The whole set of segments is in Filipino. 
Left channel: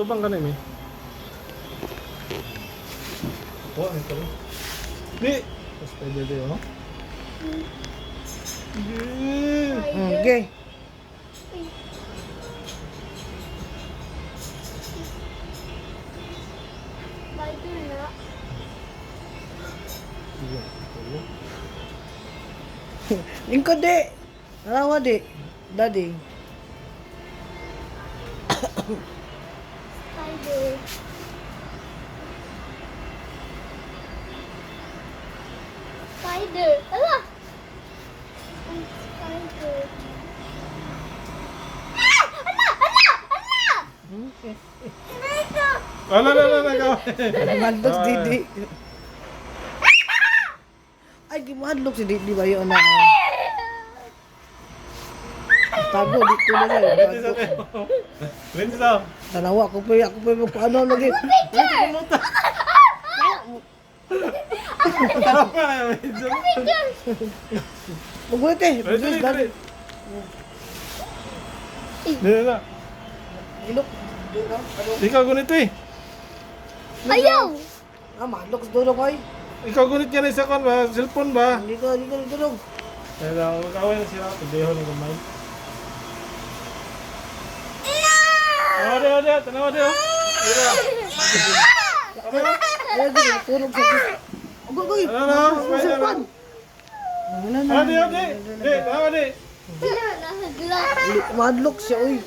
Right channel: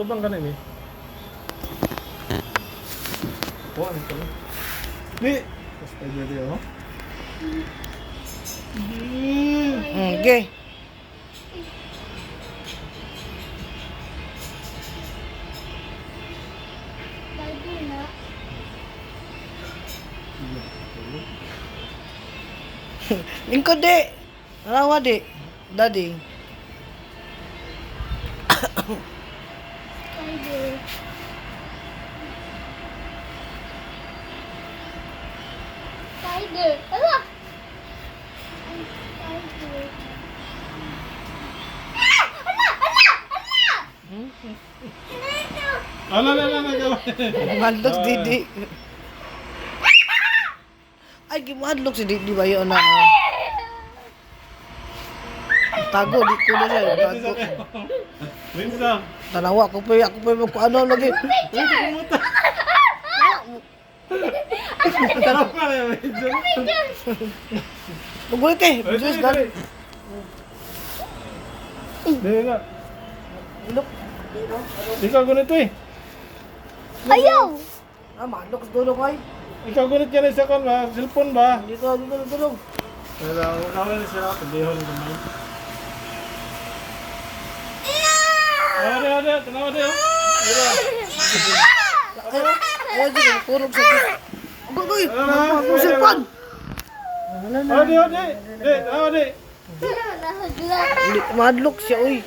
Tubang ka na mi. Kuha ano ka lang. Di. Tapos tayo dito yun, no? Okay. Spider na. Lingkod di. Nalawa di. Daddy. Spider. Spider. Ala! Spider. Ah! Ala! Ala! Ala! Dito! Ala. Madlok si Didi. Ay, gimadlok si Didi ba yun na? Tago, di ko na siya. Tago. Winsa. Tanawa, ako pa ano lagi. Tama ka yung Winsa. Magulit eh. Diyos, dali. Dito na. Ilok. Ikaw gunit eh. Ayaw! Ah, madlok sa tulong ay. Ikaw gunit ka na isa kon ba? Cellphone ba? Hindi ko tulong. Kaya makawin na siya. Pendeho na kumain. Ada. Tanawa dia. Dito. Ay, di ko tulong sa tulong. Agoy, musupan. Ada. Tanawa di. Madlok siya, uy.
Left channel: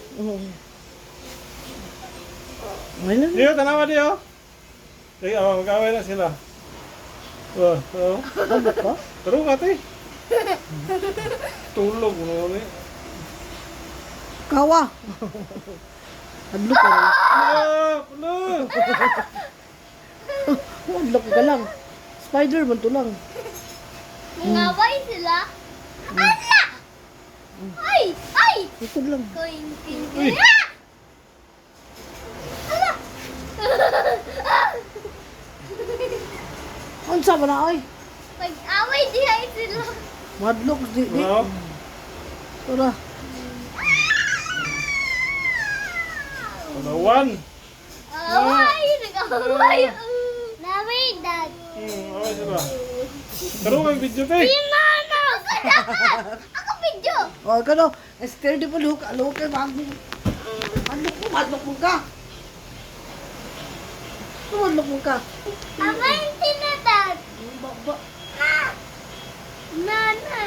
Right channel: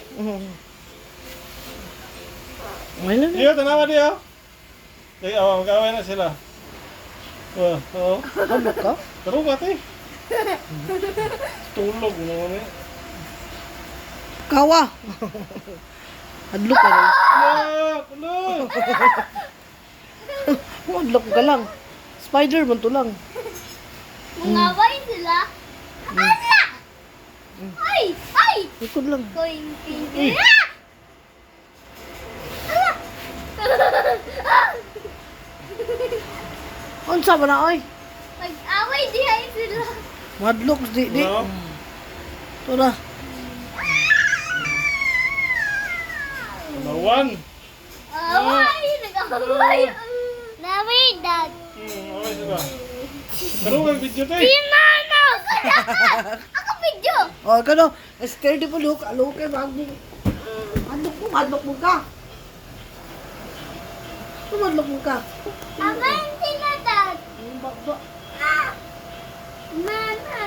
May lang. Iya, tanawa dia. Ikaw, makawin na sila. Oh. Madlok ka? Pero ka tay. Tulog mo naman eh. Kawa. Madlok ka lang. Pulo! Madlok ka lang. Spider-Man to lang. Mangaway sila. Ala! Ay! Ay! Ikod lang. Going pink. Uy! Unsa ba na, oy? Mag-away dihay sila. Madlok, di. Wow. Ito na. Tanawan! Away! Nag-away! Naway, Dad. Away sila. Pero kang video tay. Pinano! Ako video! Oh, kano? Scared di pa, look. Look, madlok. Madlok mo ka. Madlok mo ka. Away sila, Dad. Ba. Nana.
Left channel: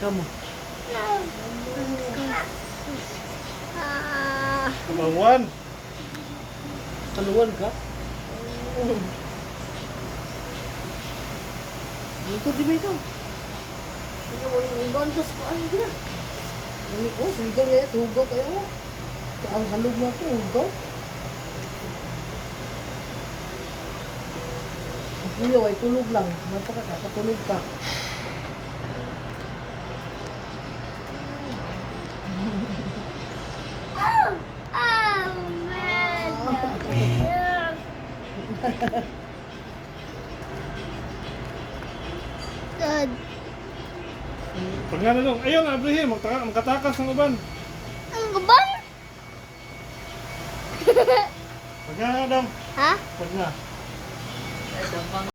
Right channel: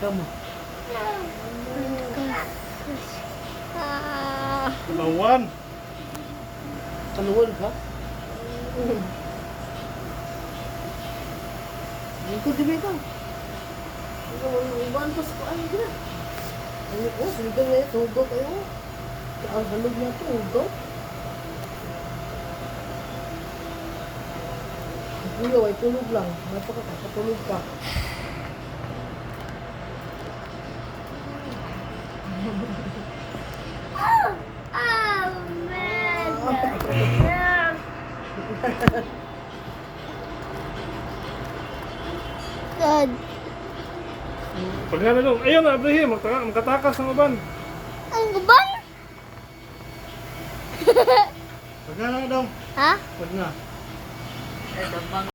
Kamu. Tanawan! Kaluwan ka? Ikot di ba ikaw? Ikaw mo yung ibantos ko. Ano gina? Ano ko? Sigaw yan. Tugaw kayo. Ang halog niya ito. Tugaw. Kuya, ay tulog lang. Napakatulog ka. Dad. Pag nga nalong, ayun Abraham, magkatakas ng uban. Ang guban? Pag nga na dong. Ha? Pag nga.